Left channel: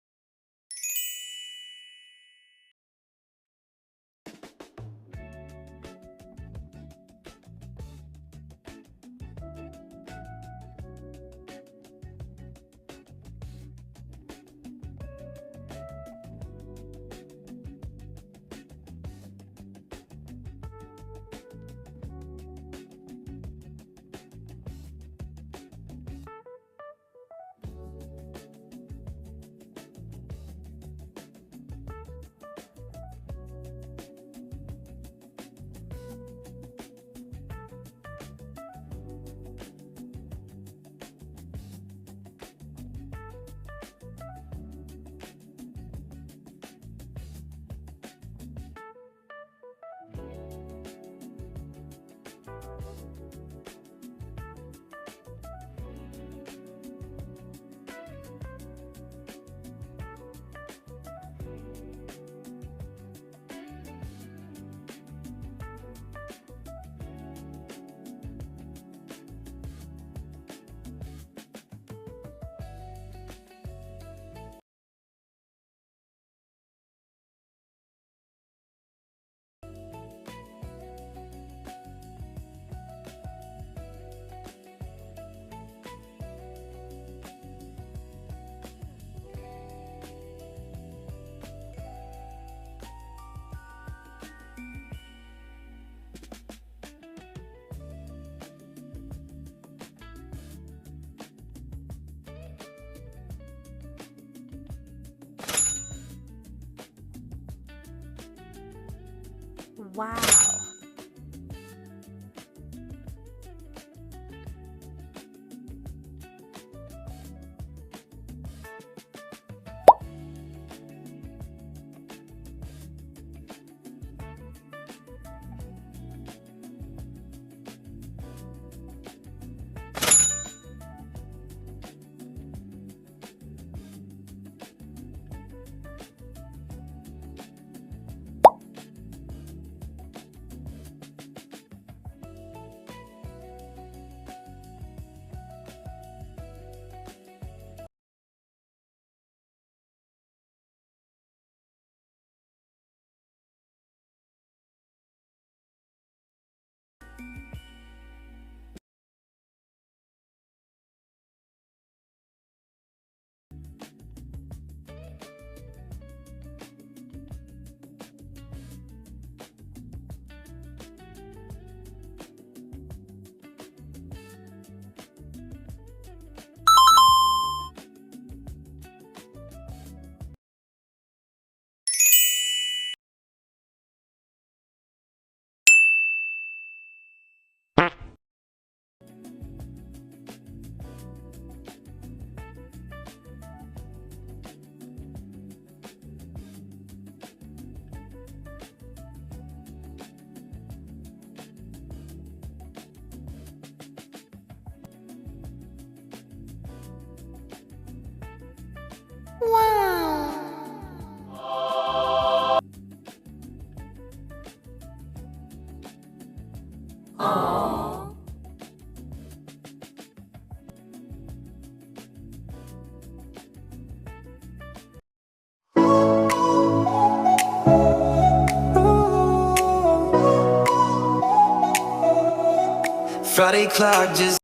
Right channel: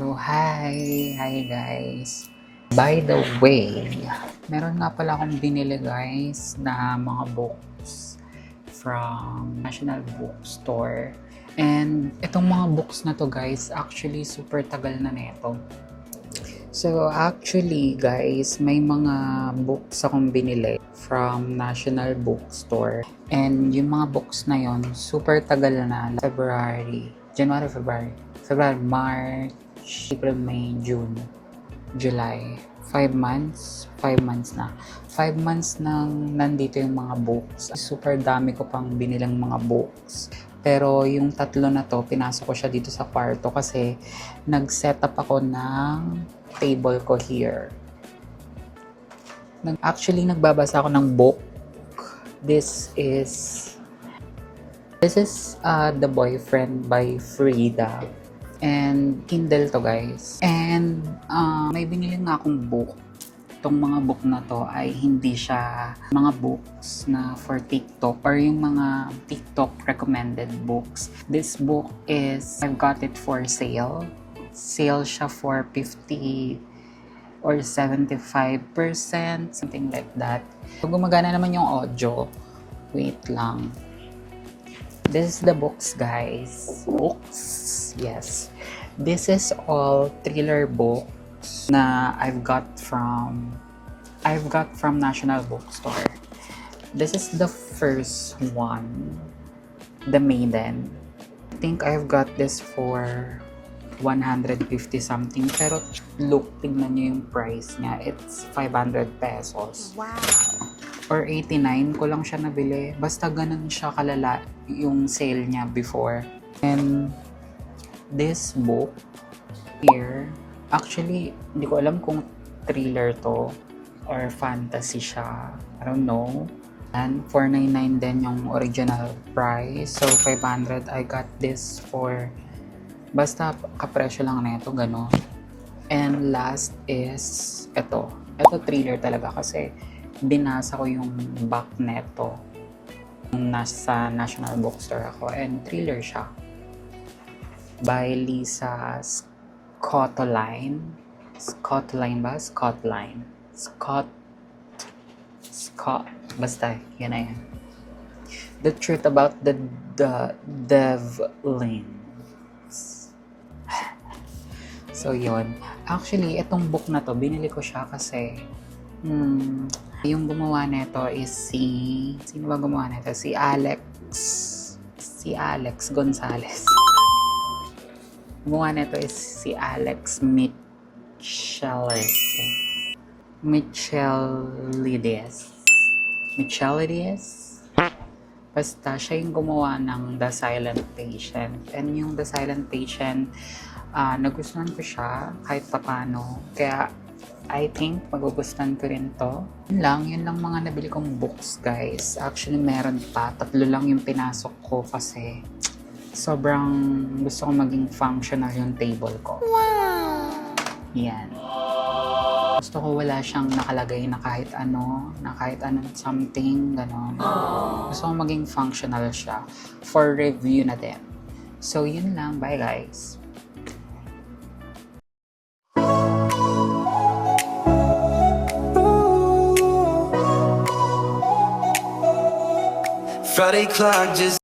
So, hi guys. By the way, meron nga pala akong binili guys na mga books from National Bookstore. And itong mga books na to guys, actually super tagal na nito. So actually guys, may mga books akong binili from National Bookstore. And yung mga books na yon super tagal na. January, March, April, May, June, July. 5 months. 5 months na. 5 months nang nandito yung mga books. Super dami ko pang binilang mga books. Pero yung tatlo na to, pinasok ko siya dito sa kwarto kasi nag-set up ako ng table ko here. Actually, nagbabasa ako ng book. This is The Boyfriend by Frida. And Kindle to guys. And may binili nga akong book. Itong mga book na to ay hindi siya mga books na for TikTok or yung mga TikTok recommended books. This book is, I've got it for sale. Sale siya for 50 or 75%, something like that. So, gumagana naman yung audio. Wait lang. This is the books, guys. Books, yes. This is all thriller books na I've got from National Bookstore. This is the first one, The Maiden. I think I've got this for 150 something. Pero look, tignan nyo yung price niya. It's 500 pesos. Wow! Or 89 ko lang siya nabili. Basta ganun siya kalala yung sale niya before. And this book here, actually, hindi ko alam kung thriller to or fantasy siya. I don't know. And 499 din yung original price. So 500, I got this for basta kapresyo lang na ito, gano'n. And last is ito. Ito thriller talaga kasi binasa ko yung back neto nasa National Bookstore ako, and thriller siya by Lisa Scottline. Basta yan na yan. The Truth About the Devlins. So yun, actually itong book na to binili ko siya kasi yung gumawa nito is sino ba gumawa nito? Si Alex Gonzalez. Gumawa nito is si Alex Michelides. Basta siya yung gumawa ng The Silent Patient. And yung The Silent Patient, nagustuhan ko siya kahit papano. Kaya I think magugustuhan ko rin to. Yun lang mga nabili kong books guys. Actually meron pa. 3 lang yung pinasok ko kasi sobrang gusto ko maging functional yung table ko. Wow! Yan. Gusto ko wala siyang nakalagay na kahit ano something, gano'n. Gusto ko maging functional siya for review na din. So yun lang. Bye guys. Friday clock just